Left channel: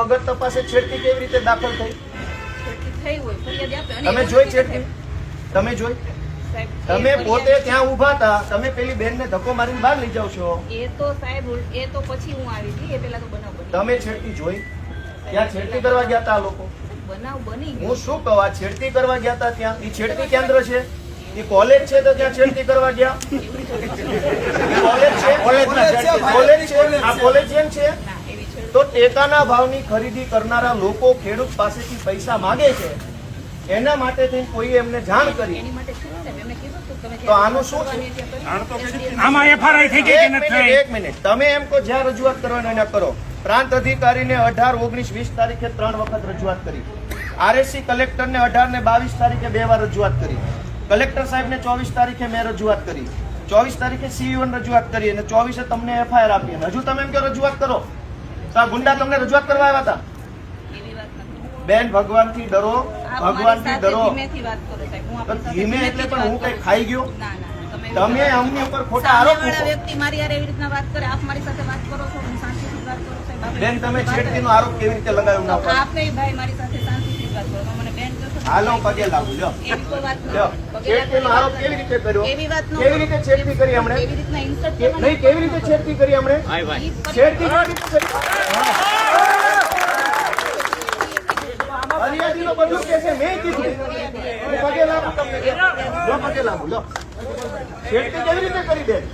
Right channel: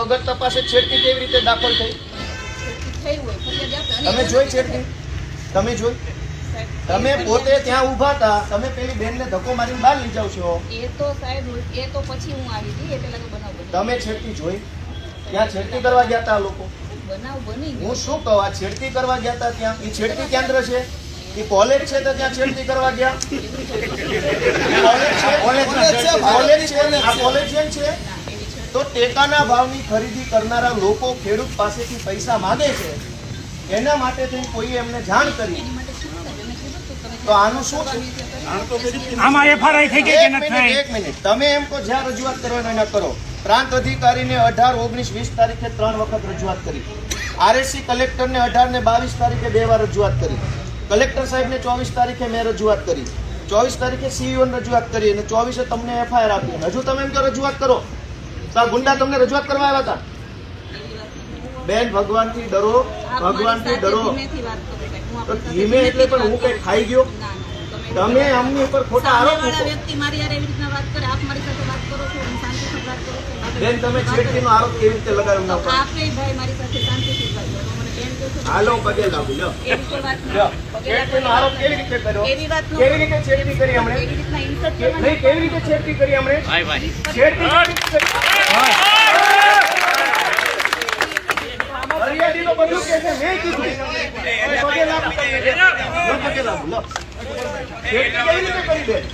વગર તપાસે છેડતી કેવી રીતે દાખલ થઈ? તમે જોઈ છેડતી? તમે જોઈ? તમે પોતે ત્યાં ઊભા હતા, તમે પેલી બેનને ધક્કો મારીને બહાર લઈ જાવ છો. એ તો સાહેબ એ તો પછી હું આવી હતી, એ પેલા તો બનાવ બન્યો. તમે છેડતી જોઈ? ત્યાં છેડતી કરવા ગયા હતા લોકો? બનાવ બની હું શું કહું, આ છેડતી કરવા ગયા હતા ત્યાં? એ છેડતી કેન્દ્ર છે? એ કોલેજ છે તો ત્યાં છેડતી કરવા ગયા? કોલેજ છે? કોલેજ છે? આ કોલેજ જેમ છે તો ટેકાના ભાવની ખરીદી કરનારા લોકો ખેડૂત પાસેથી પૈસા માંગે છે, એના માટે થઈને કોઈ એમને જાણ કરી તો આનું શું છે? આમાં એફઆરઆઈ થઈ ગઈ કે નથી થઈ? એક મિનિટ, તમે એમ કહો જ્યાં રજૂઆત કરવાનો એને કરો. પ્રાંત અધિકારીને 18, 19, 20 તારીખે 3 વખત રજૂઆત કરી. આરએસસી કલેક્ટરને 18 ને 22 તારીખે 2 વાર રજૂઆત કરી. કલેક્ટર સાહેબને 24 તારીખે મેં રજૂઆત કરી. 24 તારીખે સીઈઓને રજૂઆત કરી અને 24 તમને એફઆઈઆર આપી. હજુ તમે એમ કહો રજૂઆત કરો તો આ ગુંડા તમને રજૂઆત કરવા આવ્યા હતા? બેન, ભગવાનથી ડરો, ભગવાનથી ડરો. તો ધીમે એટલે પણ હું કઈ ખાઈ ગયો? તમે અમની ઉપર ખોટા આરોપ મૂકો. બેન, તમે છેડતીનો આરોપ કેવી રીતે લગાવ્યો ના ઉપર? હાલો, પગે લાગુ. લ્યો, છેડતીનો આરોપ કેવી રીતે કર્યો? કેવી રીતે છેડતી કરી હમણે? નહીં, કેવી રીતે છેડતી કરી હમણે? છેડતી કેવી રીતે કરી? હરિયાળીનો બધું કે છે, મેં કીધું. પગે લાગુ તમને. લો, પગે લાગુ. લો, છેડતી કેવી રીતે કરી? બેન,